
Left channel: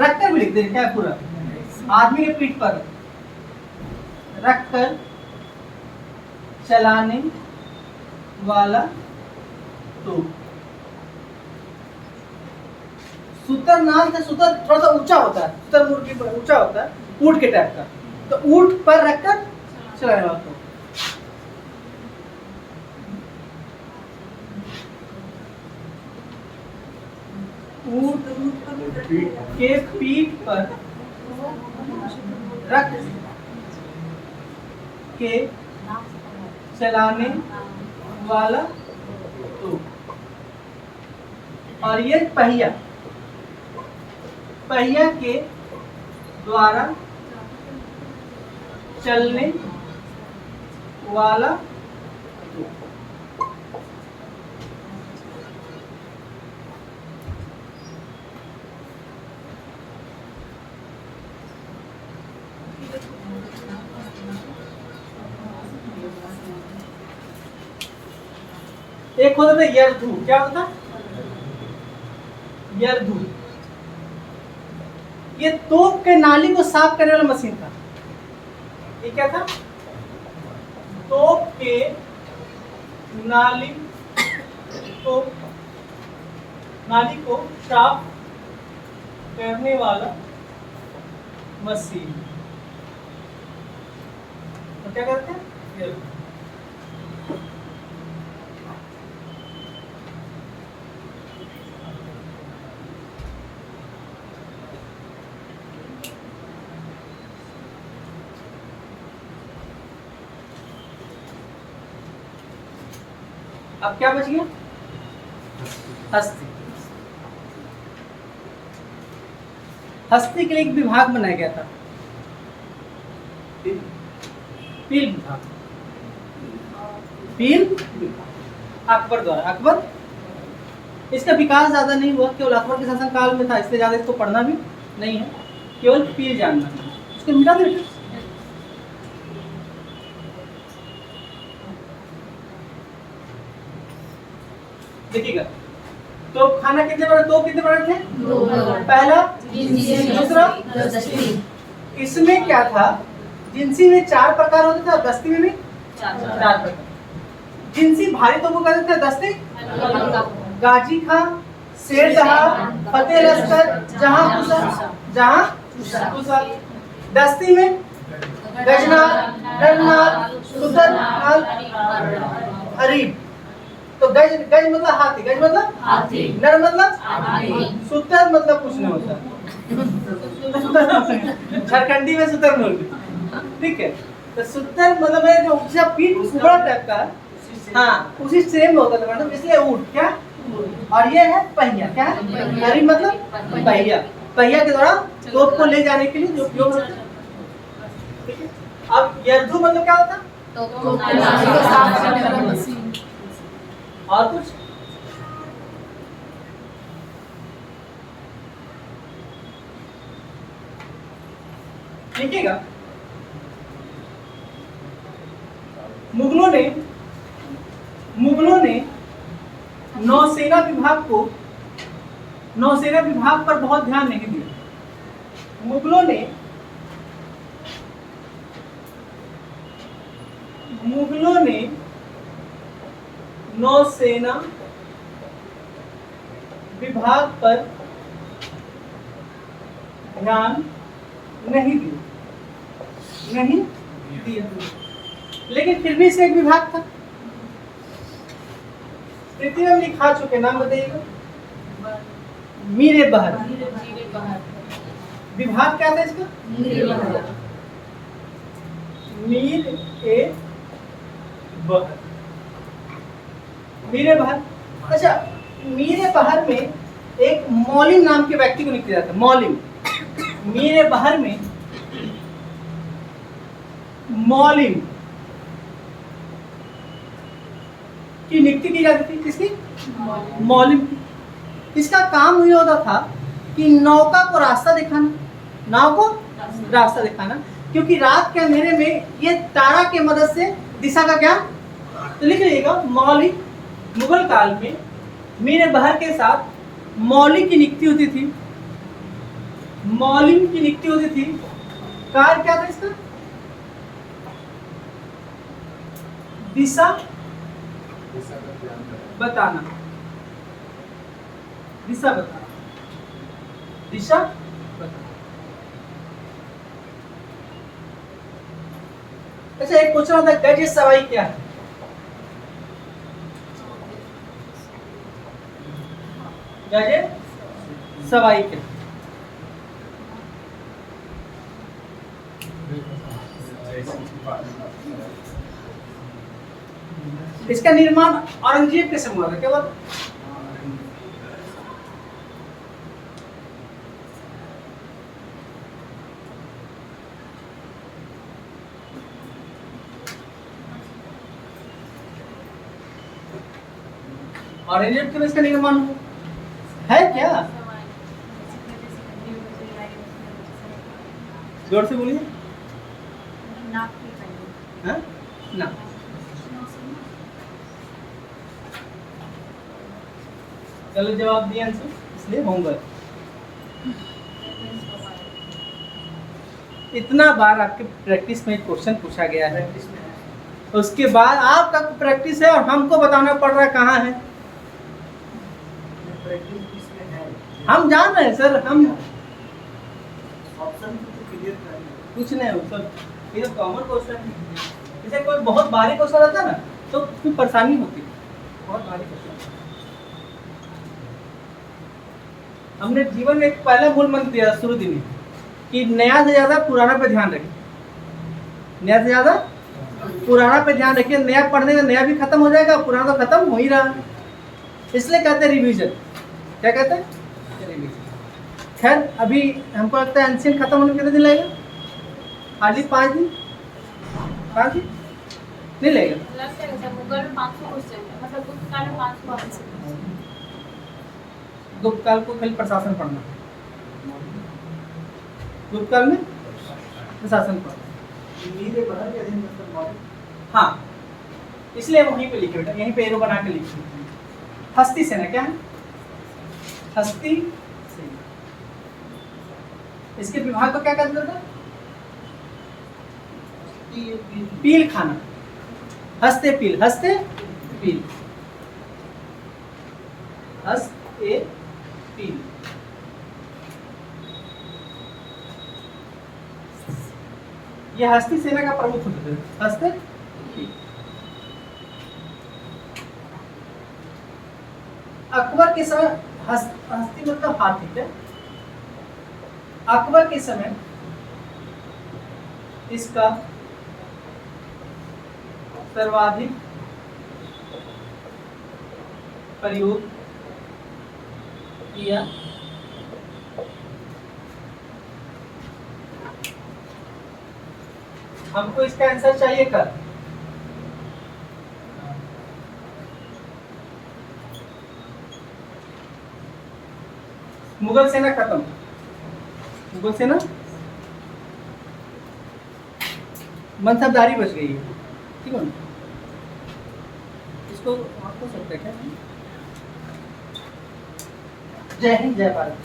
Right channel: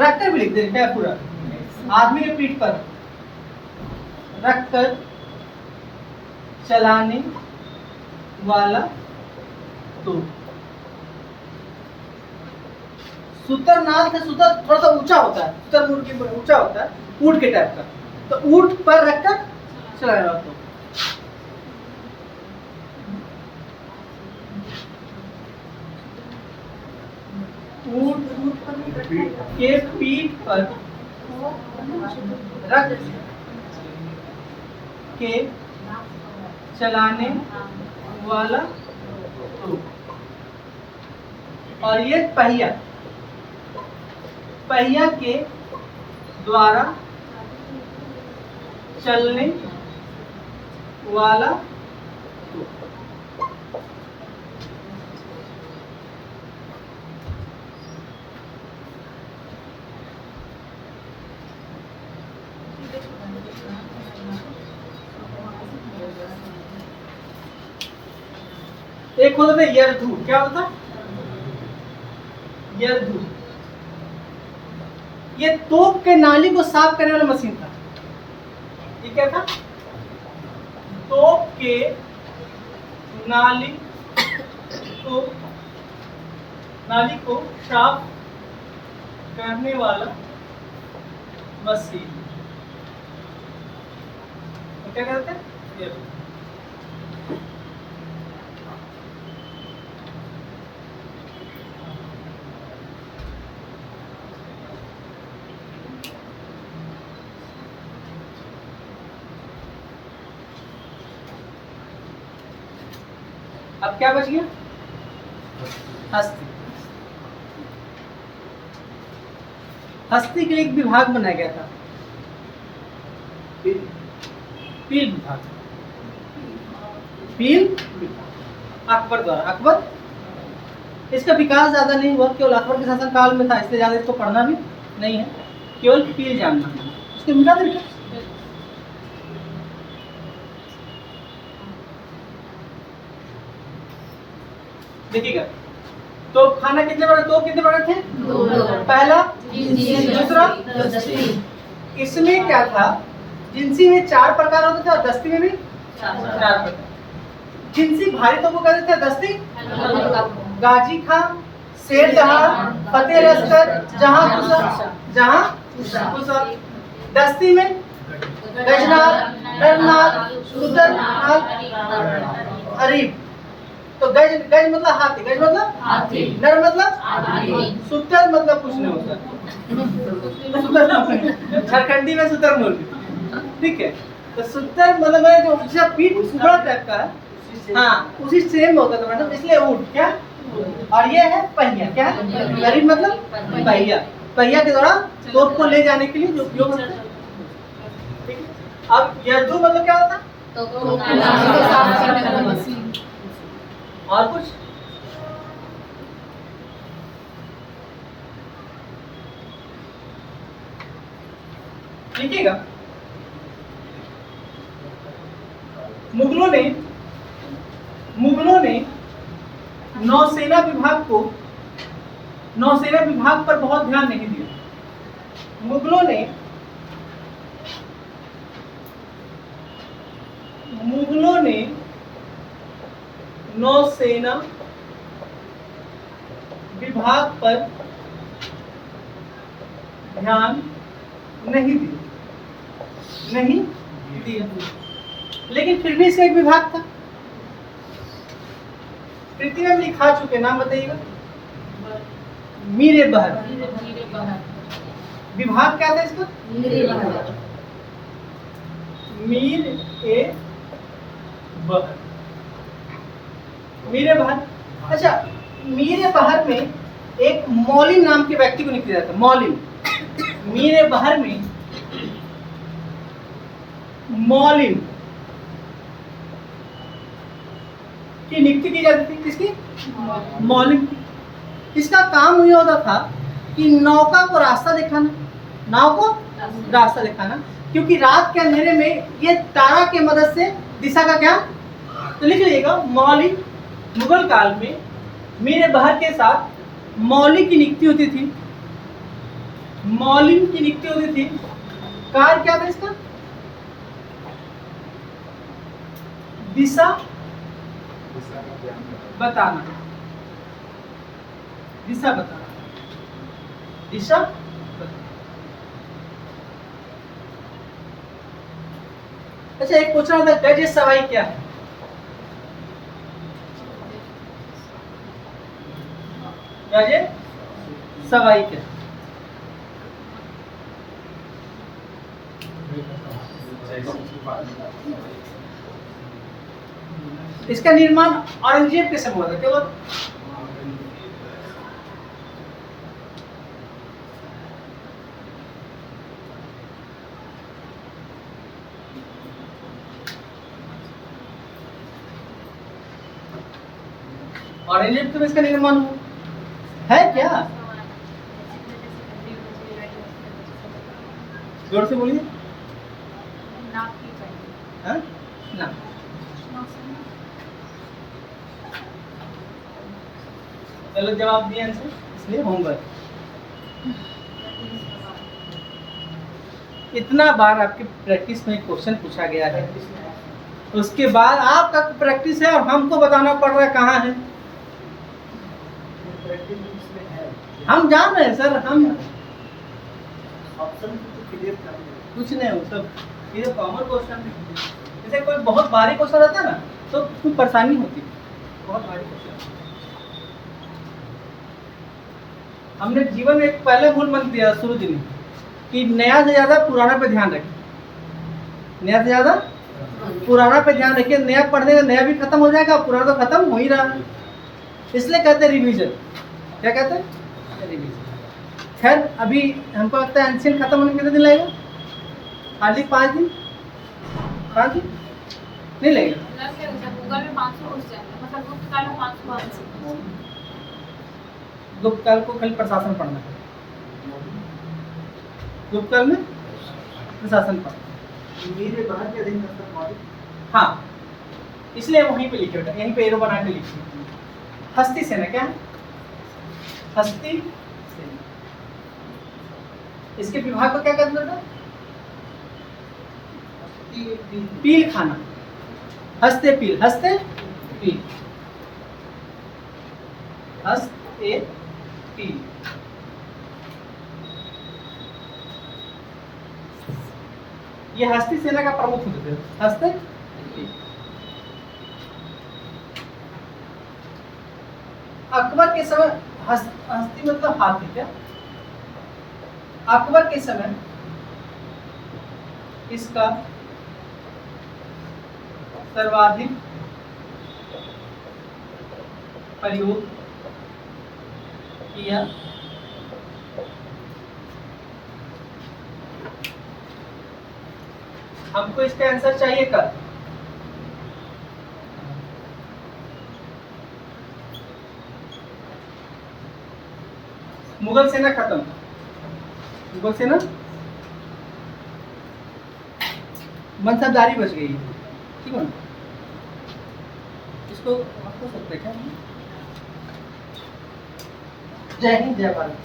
रखकर भी लिख दे, क्या पूरा? आदमी के पीठ पर रखकर चलाने वाला तो। सुतर नाल था। सुतर थोड़ा सा ऊंचा होता है, सुतर ऊंट के ऊंचा होता है, ऊंट के टाइप का। तो ऊंट पर रखकर चलाने वाला तो। ऊंट के पीठ पर रख के चलाने वाला तो, और ये पहिया पहिया के द्वारा चलने वाला तो। एक होता था यरधु, क्या होता था? यरधु, ये तोप के नाली को साफ करने वाला मशीन था। ये क्या था? तोप के नाली को साफ करने वाला मशीन। तो क्या करते हैं? ये अब क्या बच गया? हस्ती। हस्ती के एक विभाग बनाया गया था, पील विभाग। पील विभाग अकबर द्वारा। अकबर, इसका विकास ज्यादा नहीं हुआ, केवल अकबर के शासन काल में था, इसलिए ज्यादा इसको पढ़ना भी नहीं है, केवल पील जानना है। इसको मिटा दें। देखिएगा, तो खाना कितने बड़े, तो कितने बड़े थे? पहला, दूसरा, इसमें क्या था? जिंसी में 4 प्रकार होते थे और दस्ती में भी 4 प्रकार। जिंसी भारी तोपों को कहते थे, दस्ती गाजी खां, शेर जहां, फतेह लश्कर, जहां कुशल। दस्ती में गजनाल, नरनाल, सुदरनाल, अरीब। तो गज मतलब हाथी, गज मतलब हाथी, नर मतलब सुतर मतलब कुछ नहीं होता। झारखंडी में सुतर बोलते, ठीक है। तो सुतर मतलब है जो उसका पीठ उबड़ा टाइप का है, हाँ उसी सेम होता था मैडम, इसलिए ऊंट क्या। और ये है पहिया, क्या है? अरीब मतलब पहिया। पहिया के द्वारा तोप को ले जाने के लिए जो उपयोग होता है, ठीक है। अब यरधु मतलब क्या होता? और कुछ? देखिएगा, मुगलों ने नौसेना विभाग पर बहुत ध्यान नहीं दिया। मुगलों ने नौसेना विभाग पर ध्यान नहीं दिया, लेकिन फिर भी इसे एक विभाग था। कृति में लिखा चुके, नाम बताइएगा। मीरे बहर। विभाग क्या था इसका? मीर ए बहर। मीरे बहर। अच्छा, मीरे बहर में एक मौलिम नाम के व्यक्ति को नियुक्त किया जाता है। मौलिम, मीरे बहर में मौलिम की नियुक्ति की जाती थी। किसकी? मौलिम की। इसका काम ये होता था कि नौका को रास्ता दिखाना, नाव को रास्ता दिखाना, क्योंकि रात के अंधेरे में ये तारा के मदद से दिशा का क्या। तो लिख लीजिएगा, मौलिम। मुगल काल में मीरे बहर के साथ मौलिम की नियुक्ति होती थी। मौलिम की नियुक्ति होती थी। कार्य क्या था इसका? दिशा बताना, दिशा बताना। अच्छा, एक पूछना था, गज सवाई क्या है? गज सवाई क्या? इसका निर्माण औरंगजेब के समय हुआ था, क्या हुआ था? औरंगजेब के समय इसका निर्माण हुआ है क्या? जोर से बोलिए। हाँ? ना, गलत जवाब दिया आंसर, इसलिए होमवर्क। इतना बार आपके प्रैक्टिस में क्वेश्चन पूछा गया है, उसके बाद आपका प्रैक्टिस है और हमको बताना पड़ रहा है कहाँ है। प्रैक्टिस इसमें है, हम जान रहे हैं सर, हम ऑप्शन तो क्लियर कर कुछ नहीं हो सब, ये तो कॉमन क्वेश्चन है। जैसे कोई बहुत भारी क्वेश्चन रहता है ना तो उसमें परेशानी होती है, बहुत भारी क्वेश्चन। हमने जीवन में एक पहला मूल मंत्र दिया शुरू दिन में कि नया से ज्यादा पुराना पे ध्यान रखें, नया से ज्यादा पुराना पे ध्यान रखिए। नया पढ़ने से नया भी खत्म हो जाएगा, पुराना तो खत्म हो ही रहा है, इसलिए कहते हैं रिवीजन। क्या कहते हैं? रिवीजन। खैर अभी हमको लगता है एंशियंट खत्म होने में कितने दिन लगेगा? हार्डली 5 दिन, 5 दिन नहीं लगेगा। गूगल में 500 क्वेश्चन है, मतलब गुप्त काल में 500 आंसर। गुप्त काल को खाली प्रशासन पढ़ना है, गुप्त काल में प्रशासन पढ़ना। मेरे बाहर के अधीन मतलब हमारे हाँ, इसलिए वहीं पे लिखे बेटा, यहीं पे एरो बना के लिखिए। हस्ती सेना क्या है? हस्ती सेना। इसके विभाग को क्या कहते हैं बेटा? पील खाना, हस्ते पील, हस्ते पील, हस्ते पील। ये हस्ती सेना का प्रमुख होते थे, हस्ते पील। अकबर के समय हस्ती मतलब हाथी क्या? अकबर के समय इसका सर्वाधिक प्रयोग किया हमको इसका आंसर चाहिए कब? मुगल सेना खत्म, मुगल सेना मनसबदारी बच गई है, ठीक है। इसको आपको सकते क्या? जय हिंद, जय भारत।